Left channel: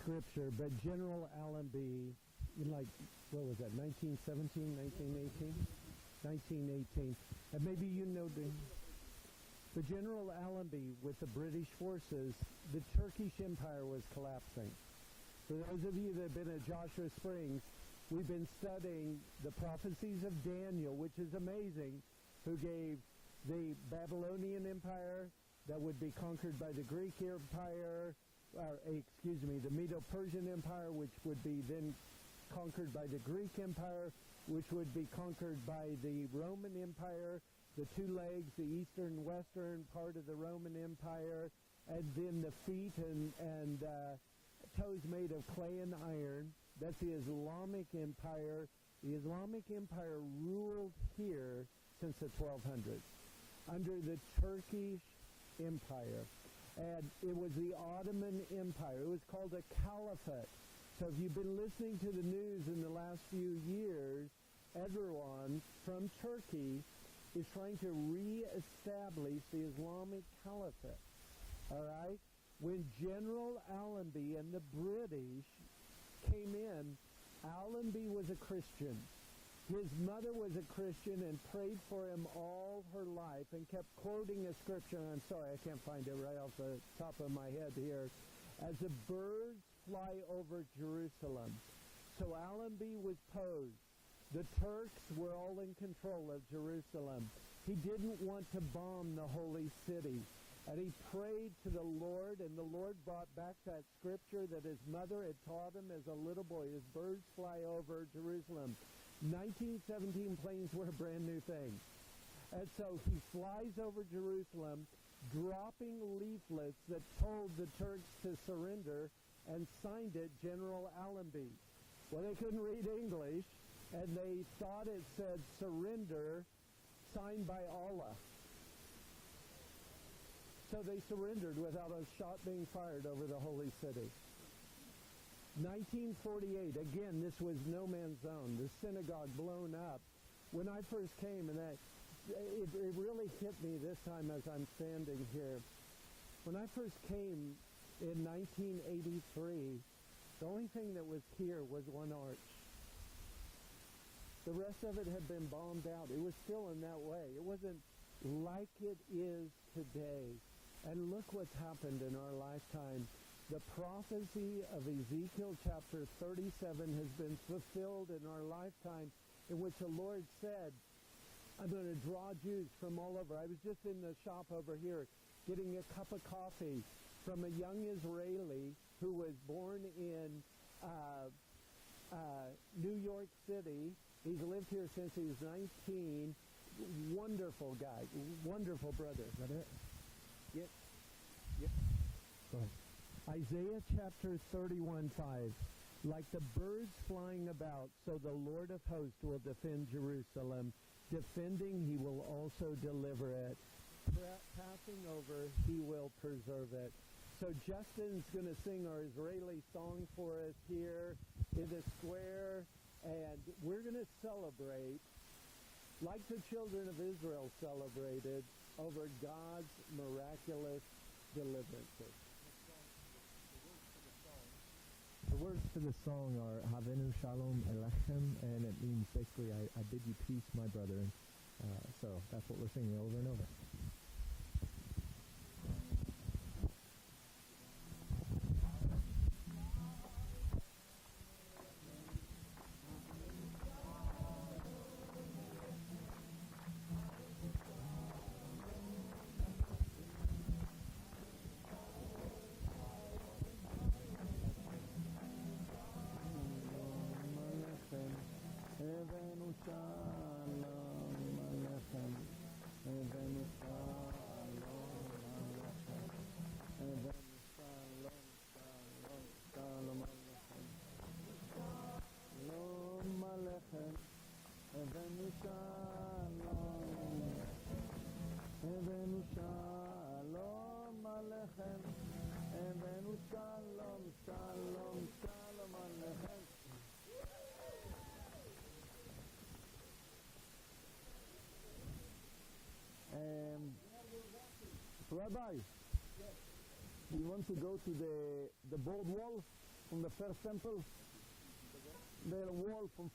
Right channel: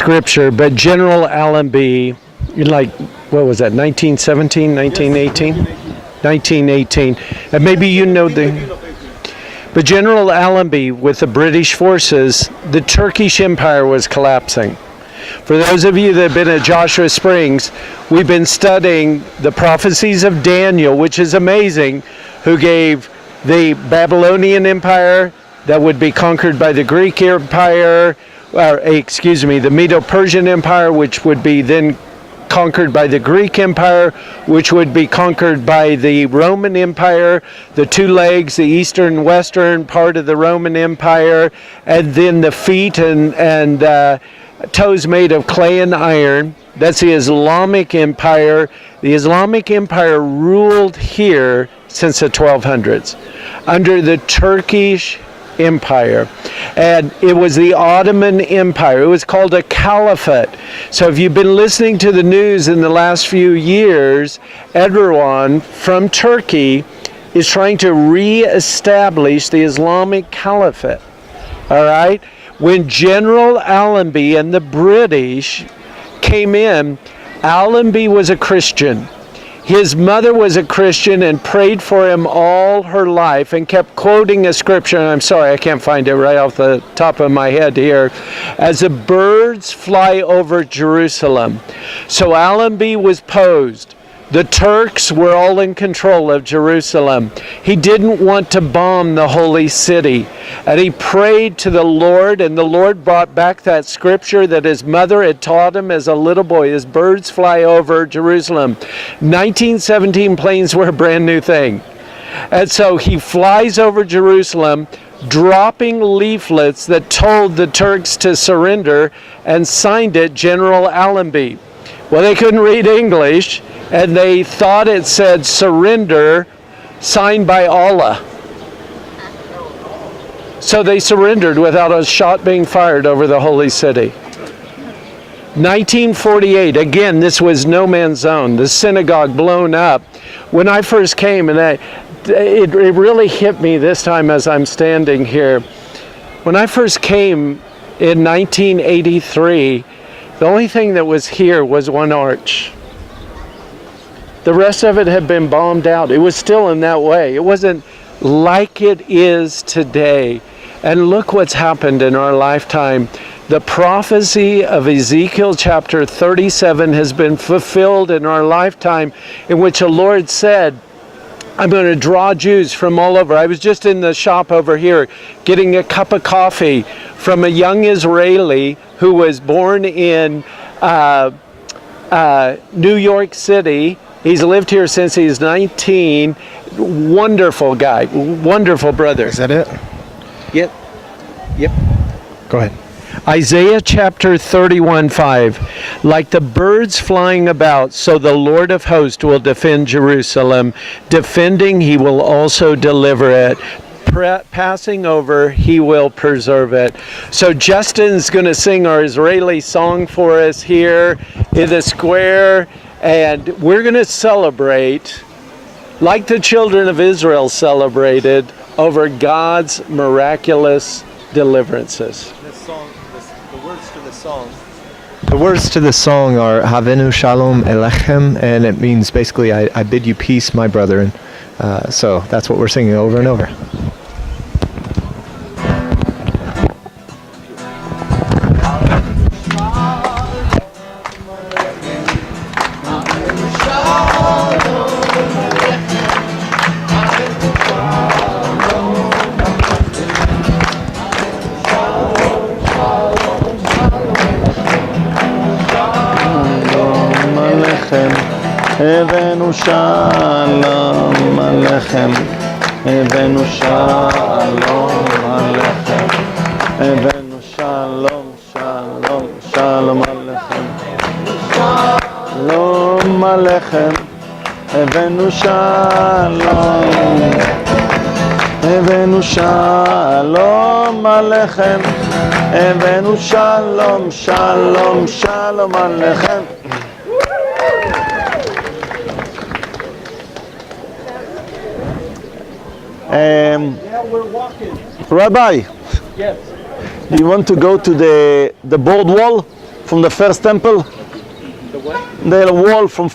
scripture, but General Allenby, like, what was that, 1917, 1918? 1918. And maybe you know but General Allenby, with the British forces, the Turkish Empire was collapsing. For those of you that have been at Joshua Springs, we've been studying the prophecies of Daniel, which is amazing, who gave the Babylonian Empire that would be conquered by the Greek Empire, the Medo-Persian Empire, which would be then conquered by the Greek Empire, which would be conquered by the Roman Empire, the two legs, the eastern and western part of the Roman Empire, and then the feet and toes made of clay and iron. That's the Islamic Empire. The Islamic Empire ruled here since the 1200s under the Turkish Empire, and it was the Ottoman Empire. It was called a caliphate. So if you've been listening to the news in the last few years, Erdogan from Turkey is trying to re-establish the Islamic Caliphate. All right? When General Allenby and the British came in, Allenby was a Christian. His mother was a Christian and prayed for him all her life and kept quoting a scripture, and I'm sorry, I can't find it right off the top of my head here. As the birds fly over Jerusalem. So Allenby was posed. The Turks were all in control of Jerusalem. He didn't want to bomb the holy city. And he prayed to the Lord, and the Lord brought back that scripture that his mother had taught him as a little boy, as birds fly over Jerusalem. 1917 planes were a brand new thing. And so he flies over Jerusalem, dropping leaflets that told the Turks to surrender, and signed it General Allenby. Well, they couldn't read English, and they thought it said surrender, signed by Allah. So they surrendered without a shot being fired over the holy city. 1948, again, this was no man's zone. The synagogue blown up. When I first came, and it really hit me this time as I'm standing here. When I first came in 1983, the only thing that was here was one arch. The rest of it had been bombed out. It was still in that way. It wasn't like it is today. And look what's happened in our lifetime. The prophecy of Ezekiel chapter 37 has been fulfilled in our lifetime, in which the Lord said, I'm going to draw Jews from all over. I was just in the shop over here getting a cup of coffee from a young Israeli who was born in New York City. He's lived here since he's 19. Wonderful guy, wonderful brother. Is that it? Yep. Go ahead. Isaiah chapter 31:5. Like the birds flying about, so the Lord of hosts will defend Jerusalem. Defending, he will also deliver it. Passing over, he will preserve it. So Justin's going to sing our Israeli song for us here in the square. And we're going to celebrate, like the children of Israel celebrated, over God's miraculous deliverances. The words to the song are Havenu Shalom Elechem, and it means basically, I bid you peace, my brethren. So that's what we're singing over and over. הבאנו שלום עליכם, הבאנו שלום עליכם, הבאנו שלום, שלום, שלום עליכם, שלום עליכם, הבאנו שלום, הבאנו שלום עליכם, הבאנו שלום, שלום, שלום עליכם. Rabbi, Yes. do you want to go to the board wall from the first temple? The what? The wall from